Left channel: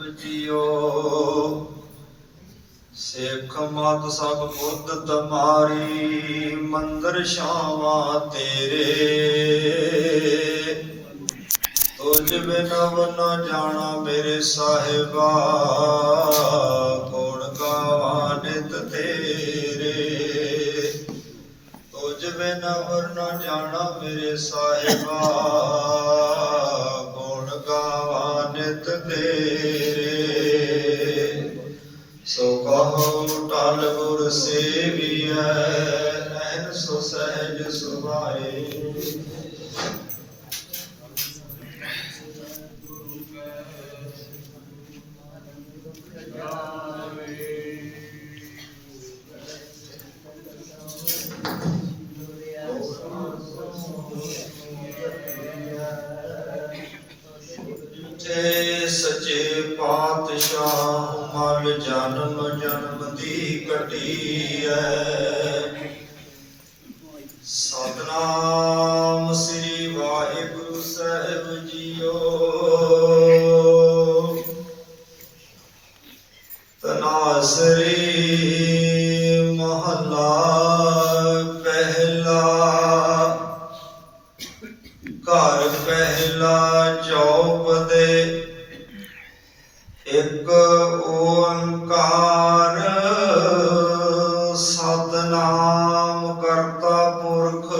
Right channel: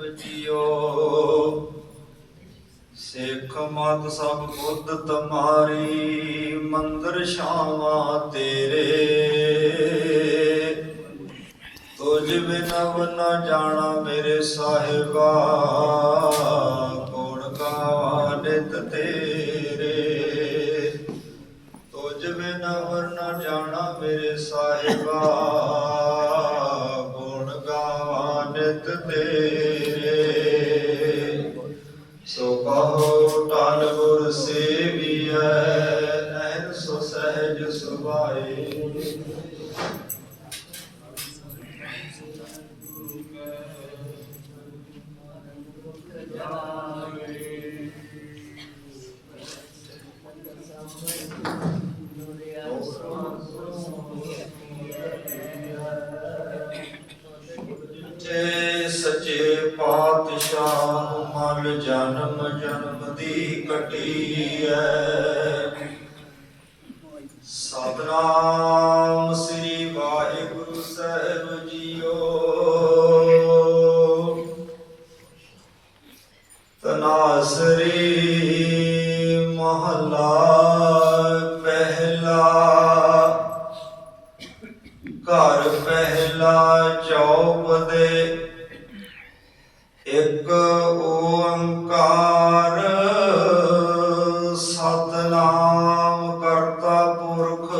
ਬਚਿਓ ਸਿੱਖ ਮਤ ਸਭ ਬੁੱਧ ਤੁਮਾਰੀ, ਮੰਦਰ ਸ਼ਾਵਾ ਤੇਰੇ। ਤੁਝ ਬਿਨਾ ਬਨਾ ਜਾਣਾ ਮੇਰੇ ਸਾਹਿਬਾ ਕੋੜ ਗਾਵਾ ਨਿਤ ਤੇਰੇ। ਤੁਝ ਬਿਨਾ ਹੋਰ ਨਾ ਜਾਣਾ ਮੇਰੇ ਸਾਹਿਬਾ, ਗੁਣ ਗਾਵਾ ਨਿਤ ਤੇਰੇ। ਕਾ ਪੁਰਖ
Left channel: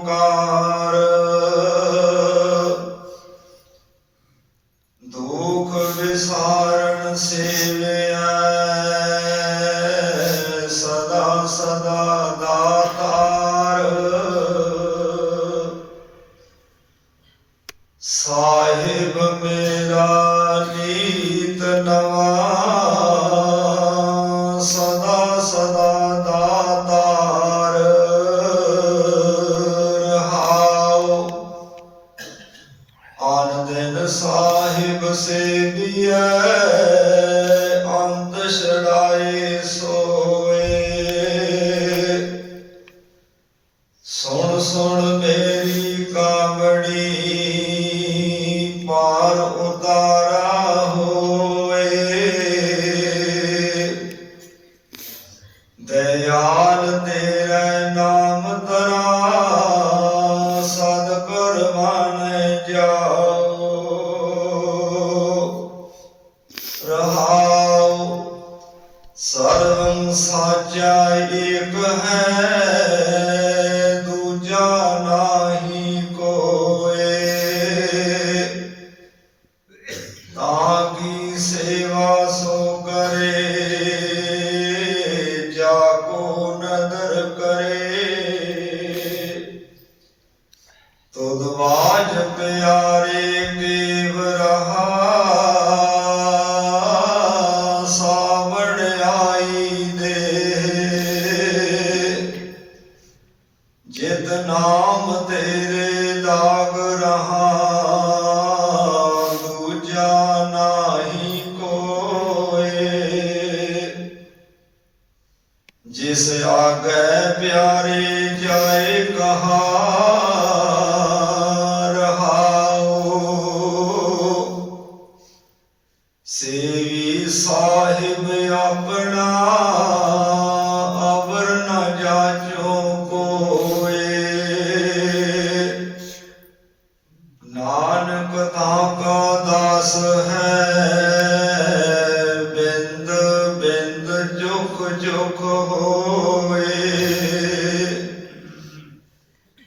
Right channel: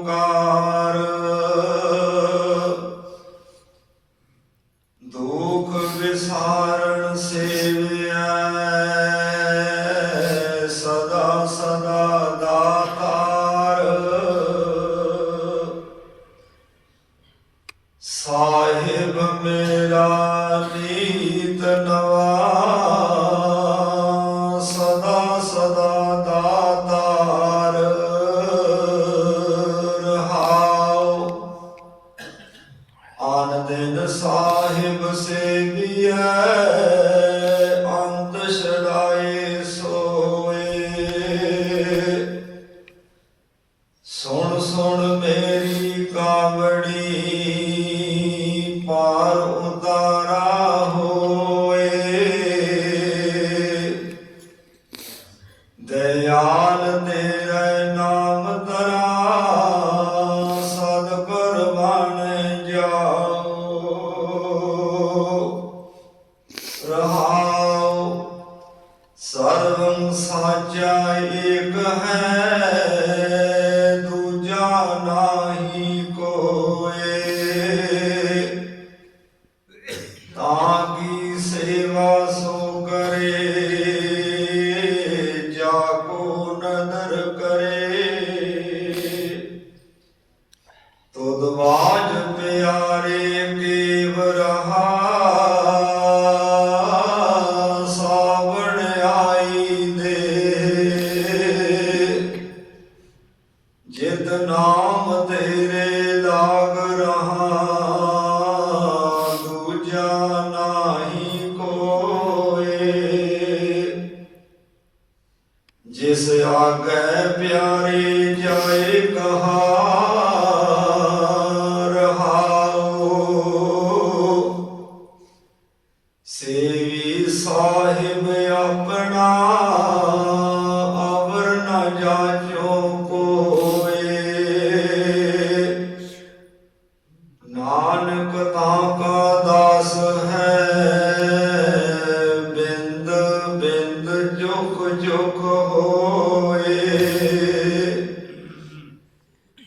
ਕਾ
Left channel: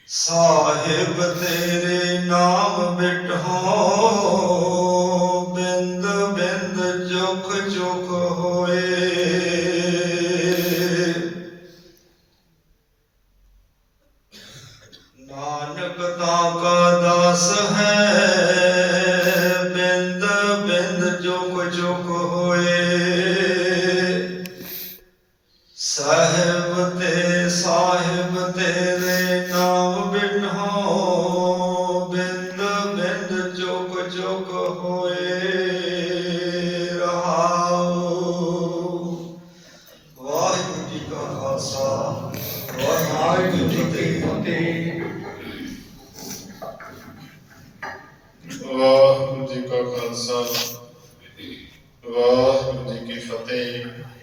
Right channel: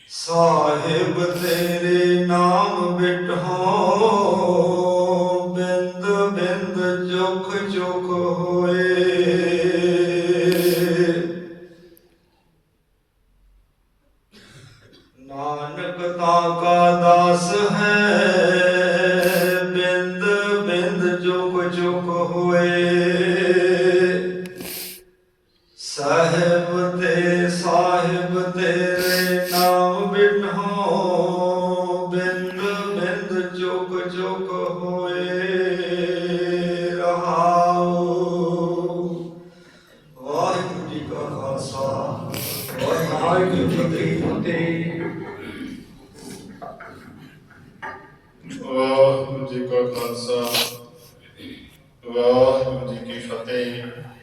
ਸਾਹਿਬ ਤੇਰੇ ਨਾਮ ਬਿਟਹੋ ਬਿੰਦ ਬਿੰਦ ਚੁਖ ਚੁਖ ਹੋਏ ਨਾਨਕ ਤਾ ਕਾ ਦਾਸ ਹੈ ਬਿੰਦ ਬਿੰਦ ਚੁਖ ਚੁਖ ਹੋਏ। ਸਾਹਿਬ ਤੇ ਸਾਹਿਬ ਤੇਰੇ ਨਾਮ ਬਿਨੋ ਬਿੰਦ ਬਿੰਦ ਚੁਕ ਚੁਕ ਹੋਏ ਰਹਾਉ। ਵਾਹਿਗੁਰੂ ਜੀ ਕਾ ਖਾਲਸਾ, ਵਾਹਿਗੁਰੂ ਜੀ ਕੀ ਫਤਿਹ। ਵਾਹਿਗੁਰੂ ਜੀ ਕਾ ਖਾਲਸਾ, ਵਾਹਿਗੁਰੂ ਜੀ ਕੀ ਫਤਿਹ।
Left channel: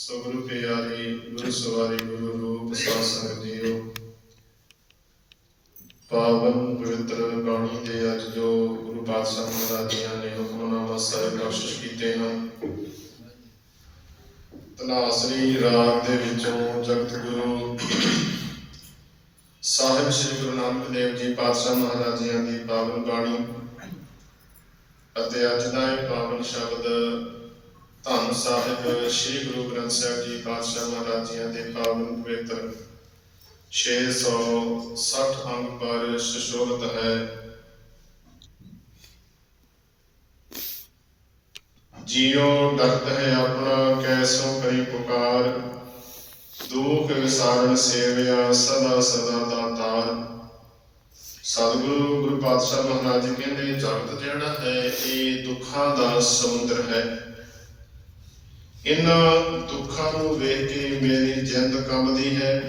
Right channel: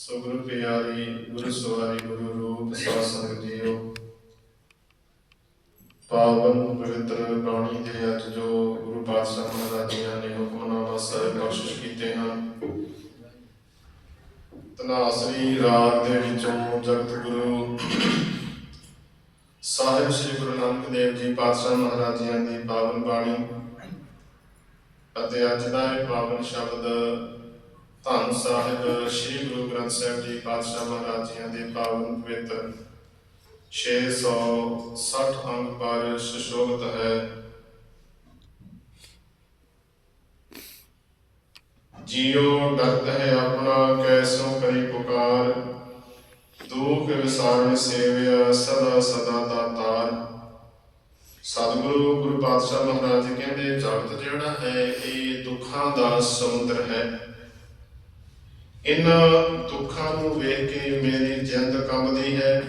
ਸੋ ਗੁਰੂ ਪਿਆਰੀ ਗੁਰੂ ਸਵਾਰੀ ਗੁਰੂ ਰੂਪ ਸਾਧ ਸੰਗਤ ਜੀਓ। ਪਾਵਨ ਪਵਿੱਤਰ ਬਾਣੀ ਦੇ ਅੱਜ ਜੋ ਗੁਰੂ ਪਾਤਸ਼ਾਹ ਮਹਾਰਾਜ ਜੀ ਨੇ ਹੁਕਮਨਾਮਾ ਸਾਹਿਬ ਬਖਸ਼ਿਸ਼ ਕੀਤੇ ਹਨ ਤਨਾਸਰੀ ਰਾਗ ਦੇ ਵਿੱਚੋਂ ਜਗਤ ਗੁਰੂ ਸਾਹਿਬ ਸ੍ਰੀ ਗੁਰੂ ਨਾਨਕ ਦੇਵ ਜੀ ਪਾਤਸ਼ਾਹ ਮਹਾਰਾਜ ਜੀਆਂ ਦੀ ਪਾਵਨ ਬਾਣੀ ਅਤੇ ਅੱਜ ਦਾ ਇਹ ਪਾਵਨ ਸ਼ਬਦ ਧੰਨ ਸਾਹਿਬ, ਸ੍ਰੀ ਗੁਰੂ ਗ੍ਰੰਥ ਸਾਹਿਬ ਜੀ, ਪਾਤਸ਼ਾਹ ਮਹਾਰਾਜ ਜੀਆਂ ਦੇ ਪਾਵਨ ਪਵਿੱਤਰ। 660 ਅੰਗ ਪਰ ਸੁਸ਼ੋਭਿਤ ਹੈ। ਜੀਉ ਡਰਤ ਹੈ ਆਪਣਾ ਕੈਸੋ ਕਰੀ ਪੁਕਾਰ। ਦੁਖ ਵਿਸਾਰਨ ਸੇਵਿਆ, ਸਦਾ ਸਦਾ ਦਾਤਾਰ ਸਤਿਗੁਰੂ, ਗੁਰੂ ਪਾਤਸ਼ਾਹ ਮਹਾਰਾਜ ਜੀ ਕਹਿੰਦੇ, ਜਗਤ ਜਿਹੜਾ ਹੈ, ਇਹ ਦੁੱਖਾਂ ਦਾ ਸਮੁੰਦਰ ਹੈ। ਇਹਨਾਂ ਦੁੱਖਾਂ ਨੂੰ ਵੇਖ ਕੇ ਮੇਰੀ ਜਿੰਦ ਕੰਬਦੀ ਹੈ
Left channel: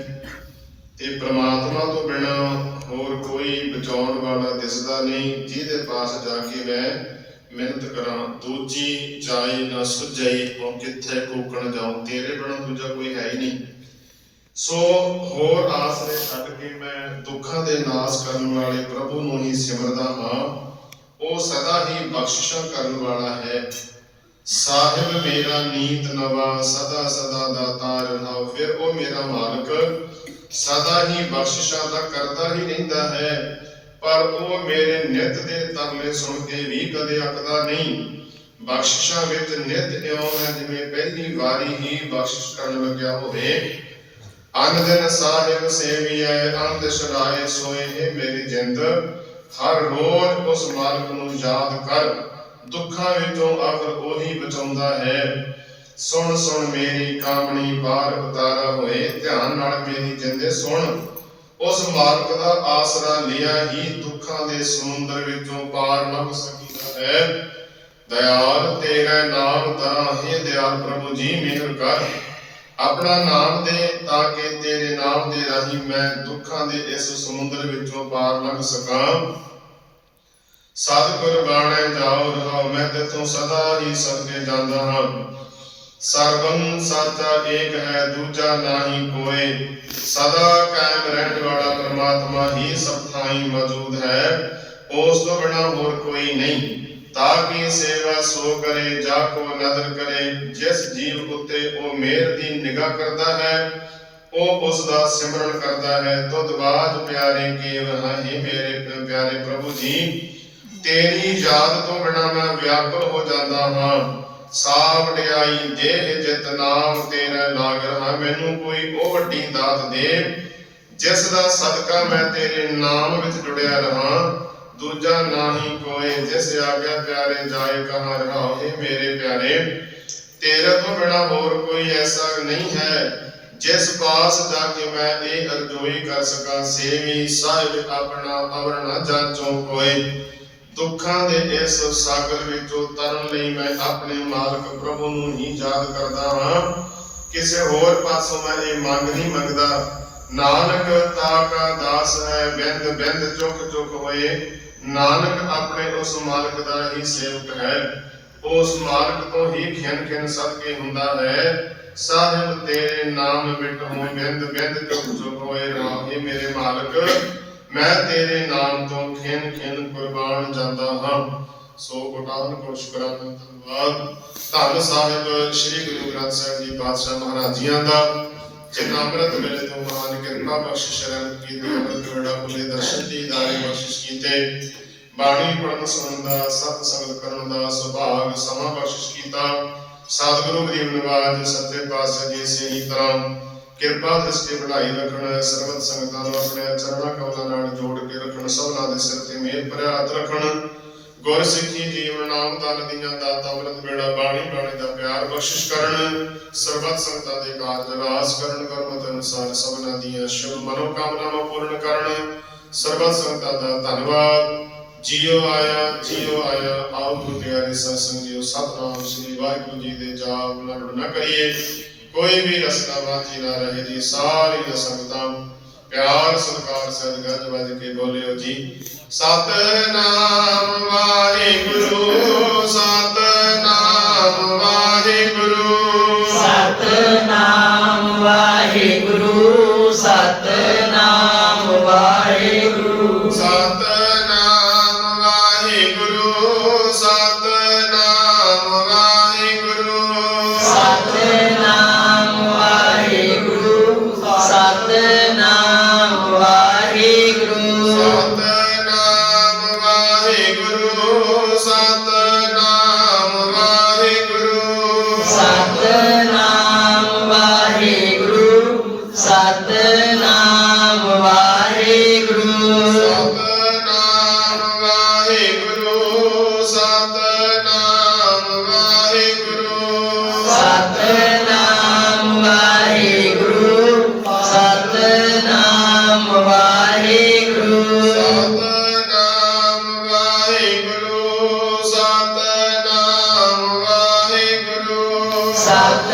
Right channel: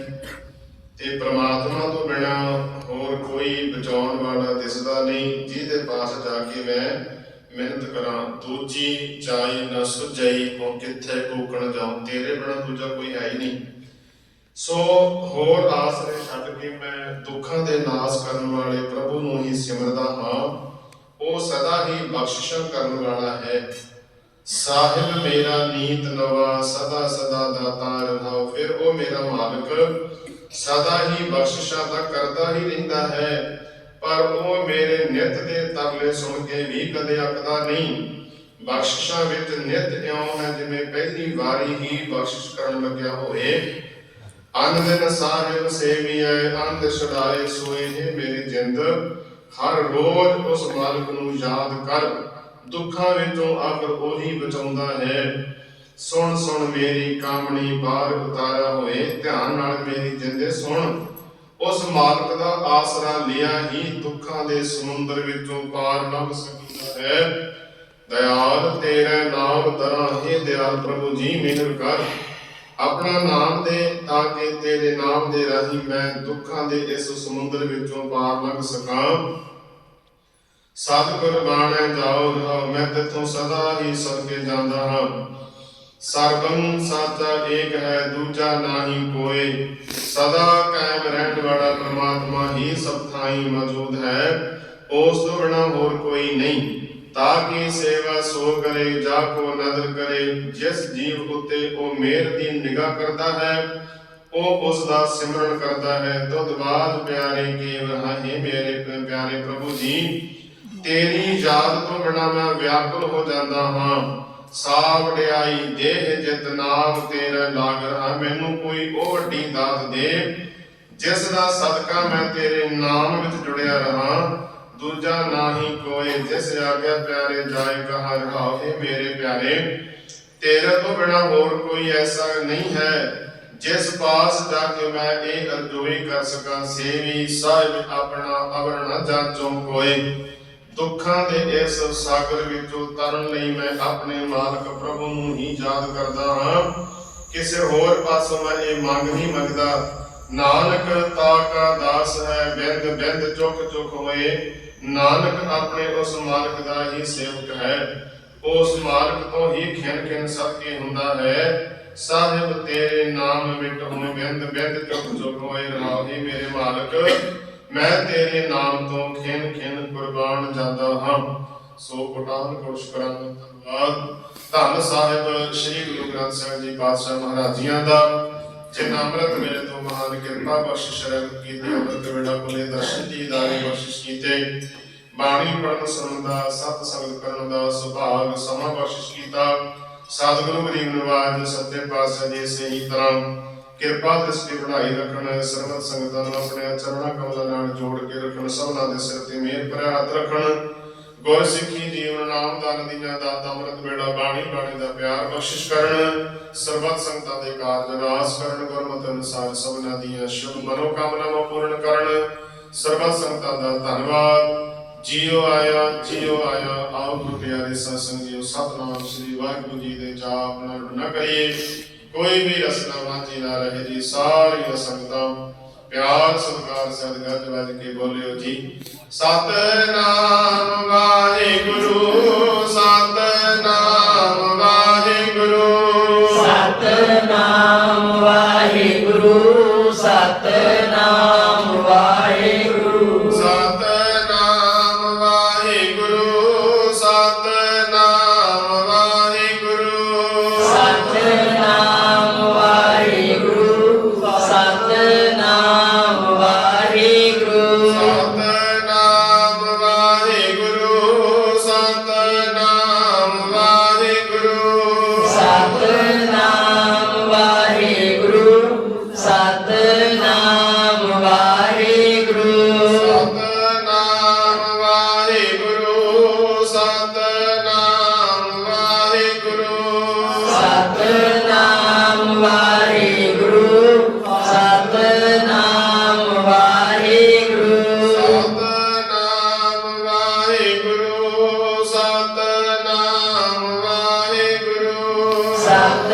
ਤੇ ਪ੍ਰਮਾਤਮਾ ਤੋਂ ਬਿਨਾ ਹੋਰ ਕੋਈ ਬਚਾਉਣ ਵਾਲਾ ਦਿਸਦਾ ਨਹੀਂ, ਜਿਹਦੇ ਪਾਸ ਜਾ ਕੇ ਮੈਂ ਮਿਹਨਤ ਕਰਾਂ, ਦੂਜੀ ਚਾਈ ਨਾ ਸੁਝਈ ਉਹ ਕਿੱਥੇ ਕੋਕਣ ਜਾਉ ਤੇਰੇ ਬਿਨਾ ਦੂਜਾ ਕੋਈ ਹੈ ਹੀ ਨਹੀਂ। ਸੋ ਹੋਰ ਆਸਰੇ ਛੱਡ ਕੇ ਮੈਂ ਦੁੱਖਾਂ ਦੇ ਨਾਸ ਕਰਨ ਵਾਲੇ ਪ੍ਰਭੂ ਨੂੰ ਹੀ ਸਿਮਰਦਾ ਹਾਂ, ਉਹ ਸਦਾ ਹੀ ਬਖਸ਼ਿਸ਼ਾਂ ਕਰਨ ਵਾਲਾ ਹੈ। ਸਾਹਿਬ ਮੇਰਾ ਨੀਤ ਨਵਾ, ਸਦਾ ਸਦਾ ਦਾਤਾ ਰਹਾਉ ਫਿਰ ਉਹ ਮੇਰਾ ਮਾਲਕ, ਸਦਾ ਹੀ ਬਖਸ਼ਿਸ਼ਾਂ ਦਾ ਕਰਦਾ ਹੀ ਰਹਿੰਦਾ ਹੈ, ਪਰ ਉਹ ਮੇਰੇ ਨਿਤ ਦੇ ਤਰਲੇ ਸੁਣ ਕੇ ਵੀ ਕਦੇ ਅੱਕਦਾ ਨਹੀਂ। ਬਖਸ਼ਿਸ਼ਾਂ ਵਿੱਚ ਨਿਤ ਇਉਂ ਹੈ, ਜਿਵੇਂ ਪਹਿਲੀ ਵਾਰੀ ਹੀ ਬਖਸ਼ਿਸ਼ ਕਰਨ ਲੱਗਿਆ ਹੋਵੇ। ਅਨ ਦਿਨ ਸਾਹਿਬ ਸੇਵੀਐ ਅੰਧ ਛੁਡਾਏ ਸੋਏ ਹੈ ਮੇਰੀ ਜਿੰਦ। ਹਰ ਰੋਜ਼ ਉਸ ਮਾਲਕ ਨੂੰ ਯਾਦ ਕਰ। ਦੁੱਖਾਂ ਵਿੱਚੋਂ ਆਖਰ ਉਹੀ ਬਚਾਉਂਦਾ ਹੈ। ਸੁਣ ਸੁਣ ਮੇਰੀ ਕਾਮਣੀ, ਬਾਹਰ ਉਤਾਰਾ ਹੋਏ। ਧਿਆਨ ਨਾਲ ਮੇਰੀ ਜਿੰਦੇ ਸੁਣ। ਉਸ ਮਾਲਕ ਦਾ ਆਸਰਾ ਲਿਆ ਹੀ ਦੁੱਖਾਂ ਦੇ ਸਮੁੰਦਰ ਵਿੱਚੋਂ ਪਾਰ ਲੰਘ ਸਕੀਦਾ ਹੈ। ਦਇਆਲ ਤੇਰਾ ਨਾਮ ਦਰਾਂ ਹੀ ਦਿਆਲ ਪ੍ਰਭੂ ਜੀ, ਮਿਹਰ ਕਰ। ਆਪਣਾ ਨਾਮ ਦੇ ਤਾਂ ਕਿ ਤੇਰੇ ਨਾਮ ਦੇ ਰਾਹੀਂ ਮੈਂ ਦੁੱਖਾਂ ਦੇ ਇਸ ਸਮੁੰਦਰ ਵਿੱਚੋਂ ਪਾਰ ਲੰਘ ਸਕਾਂ। ਸਤਿਗੁਰ ਬਾਣੈ ਜਾਉ ਰਹਾਉ, ਮੈਂ ਤੇਥੋਂ ਸਦਾ ਹੀ ਸਦਕੇ ਜਾਂਦਾ ਹਾਂ। ਸਰਬੰ ਸਾਚਾ ਏਕ ਹੈ, ਦੂਜਾ ਨਾਹੀ ਕੋਏ। ਸਦਾ ਕਾਇਮ ਰਹਿਣ ਵਾਲਾ ਪ੍ਰਮਾਤਮਾ ਹੀ ਸਭ ਥਾਈ ਮੌਜੂਦ ਹੈ। ਉਸ ਤੋਂ ਬਿਨਾ ਹੋਰ ਕੋਈ ਨਹੀਂ। ਤਾਂ ਕਿ ਸੇਵਾ ਸੋ ਕਰੇ, ਜਾ ਕੋ ਨਦਰ ਕਰੇ। ਜਿਸ ਜੀਵ ਉਤੇ ਉਹ ਮਿਹਰ ਦੀ ਨਿਗਾਹ ਕਰਦਾ ਹੈ, ਉਹ ਉਸ ਦਾ ਸਿਮਰਨ ਕਰਦਾ ਹੈ। ਤੁਧ ਬਾਜ ਪਿਆਰੇ ਕੇ ਹੈ ਮੇਰੇ ਪਿਆਰੇ ਪ੍ਰਭੂ ਜੀ। ਤੇਰੀ ਯਾਦ ਤੋਂ ਬਿਨਾ ਮੈਂ ਵਿਆਕੁਲ ਹੋ ਜਾਂਦਾ ਹਾਂ। ਸਾਹ ਵਡਿਆਈ ਦੇਹ ਜਿਤ ਨਾਮ ਤੇਰਾ ਲਾਗ ਰਹਾ। ਮੈਨੂੰ ਕੋਈ ਉਹ ਵੱਡੀ ਦਾਤ ਦੇ, ਜਿਸ ਦਾ ਸਦਕਾ ਮੈਂ ਤੇਰੇ ਨਾਮ ਵਿੱਚ ਜੁੜਿਆ ਰਹਾ। ਦੂਜਾ ਨਾਹੀ ਕੋਏ, ਜਿਸ ਆਗਿਆ ਪਿਆਰੇ ਜਾਏ, ਕਹਾਂ ਰਹਾਓ हे ਮੇਰੇ ਪਿਆਰੇ। ਤੇਰੇ ਤੋਂ ਬਿਨਾ ਹੋਰ ਕੋਈ ਐਸਾ ਨਹੀਂ ਹੈ, ਜਿਸ ਪਾਸ ਜਾ ਕੇ ਮੈਂ ਇਹ ਅਰਜ਼ੋਈ ਕਰ ਸਕਾਂ। ਸੇਵੀ ਸਾਹਿਬ ਆਪਣਾ ਅਵਰ ਜਾਚੋ ਕੋਏ। ਦੁੱਖਾਂ ਦੇ ਇਸ ਸਾਗਰ ਵਿੱਚੋਂ ਤਰਨ ਲਈ ਮੈਂ ਆਪਣੇ ਮਾਲਕ ਪ੍ਰਭੂ ਨੂੰ ਹੀ ਯਾਦ ਕਰਦਾ ਹਾਂ। ਕਿਸੇ ਹੋਰ ਪਾਸੋਂ ਮੈਂ ਇਹ ਮੰਗ ਨਹੀਂ ਮੰਗਦਾ। ਨਾਨਕ ਤਾਕਾ ਦਾਸ ਹੈ, ਬਿੰਦ ਬਿੰਦ ਚੁੱਕ ਚੁੱਕ ਹੋਏ। ਨਾਨਕ ਆਪਣੇ ਉਸ ਮਾਲਕ ਦਾ ਹੀ ਸੇਵਕ ਹੈ। ਉਸ ਮਾਲਕ ਤੋਂ ਹੀ ਖਿਨ ਖਿਨ ਸਦਕੇ ਹੁੰਦਾ ਹੈ। ਸਾਹਿਬ ਤੇਰੇ ਨਾਮ ਵਿੱਚ ਹੋਏ, ਬਿੰਦ ਬਿੰਦ ਚੁੱਕ ਚੁੱਕ ਹੋਏ। ਰਾਹੇ ਮੇਰੇ ਮਾਲਕ। ਮੈਂ ਤੇਰੇ ਨਾਮ ਤੋਂ ਖਿਨ ਖਿਨ ਕੁਰਬਾਨ ਜਾਂਦਾ ਹਾਂ। ਸੋ ਕੋਟਾਨ ਕੋਸ਼ ਕਰਾਂ ਧੰਨਵਾਦ। ਧੰਨ ਸਾਹਿਬ, ਸ੍ਰੀ ਗੁਰੂ ਗ੍ਰੰਥ ਸਾਹਿਬ ਜੀ ਪਾਤਸ਼ਾਹ ਮਹਾਰਾਜ ਦਾ, ਜਿਨ੍ਹਾਂ ਅੰਮ੍ਰਿਤ ਵੇਲੇ ਤੋਂ ਮਹਾਨ ਕਿਰਪਾ ਬਖਸ਼ਿਸ਼ ਰਹਿਣ ਕੀਤੀ, ਅੰਮ੍ਰਿਤ ਵੇਲਾ ਕੋਲੇ ਦਰਸ਼ਨ ਦੀ ਦਾਰੀ ਬਖਸ਼ਿਸ਼ ਕੀਤੇ। ਬਾਣੀ ਪੜਨ ਸੁਣਨ ਦਾ, ਸਤ ਸੰਗਤ ਕਰਨ ਦਾ ਸੁਭਾਗ ਸਮਾਂ ਬਖਸ਼ਿਸ਼ ਕੀਤਾ। ਸਤਿਗੁਰੂ ਗਰੀਬ ਨਿਵਾਜ ਸੱਚੇ ਪਾਤਸ਼ਾਹ ਜੀ ਸਹੀ ਤਰ੍ਹਾਂ ਕਿਰਪਾ ਦ੍ਰਿਸ਼ਟੀ ਬਣਾਈ ਰੱਖਣ, ਸਰਬਤ ਸੰਗਤਾਂ ਨੂੰ ਆਪਣੇ ਚਰਨਾਂ ਕਮਲਾਂ ਨਾਲ ਜੋੜ ਕੇ ਰੱਖਣ, ਸਭਨਾਂ ਦੇ ਸਿਰ ਤੇ ਮਿਹਰ ਭਰਿਆ ਹੱਥ ਰੱਖਣ। ਗੁਰ ਸਿੱਖੀ ਜੀਵਨ ਨਾਮ ਦਾਨ ਦੀਆਂ ਦਾਤਾ ਅਮਰਤ ਬੇੜਾ ਬਾਣੀ ਬਾਣੀ ਦਾ ਪਿਆਰ ਬਖਸ਼ਿਸ਼ ਕਰਨ, ਸਰਬਤ ਸੰਗਤਾਂ ਦੇ ਕਾਰਜ ਰਾਸ ਕਰਨ, ਗੁਰਮਤਿ ਅਨੁਸਾਰ ਸਭਨਾਂ ਦੀਆਂ ਸ਼ੁਭ ਮਨੋਕਾਮਨਾਵਾਂ ਪੂਰਨ ਕਰਨ। ਸਰਬਤ ਸੰਗਤਾਂ ਦਾ ਧੰਨਵਾਦ। ਜੀਓ ਆਇਆ ਜੀਓ ਆਇਆ, ਆਓ ਗੁਰੂ ਪਿਆਰੇ ਸਤਸੰਗਿਓ ਸਤਨਾਮ ਸ੍ਰੀ ਵਾਹਿਗੁਰੂ ਜੀ ਦੇ ਜਾਪ ਨਾਲ ਕਰੀਏ। ਕੋਈ ਵੀ ਰਸਨਾ ਵਾਂਝੀ ਨਾ ਰਹੇ ਜੀ, ਸਾਰੀਆਂ ਸੰਗਤਾਂ ਪਿਆਰ, ਸਤਿਕਾਰ ਸਦਕਾ ਜਵਾਜ ਕੇ ਬੋਲਿਓ ਜੀ। ਸਤਨਾਮ ਵਾਹਿਗੁਰੂ ਸਤਨਾਮ ਵਾਹਿਗੁਰੂ। ਸਤਨਾਮ ਵਾਹਿਗੁਰੂ ਸਤਨਾਮ 감사합니다.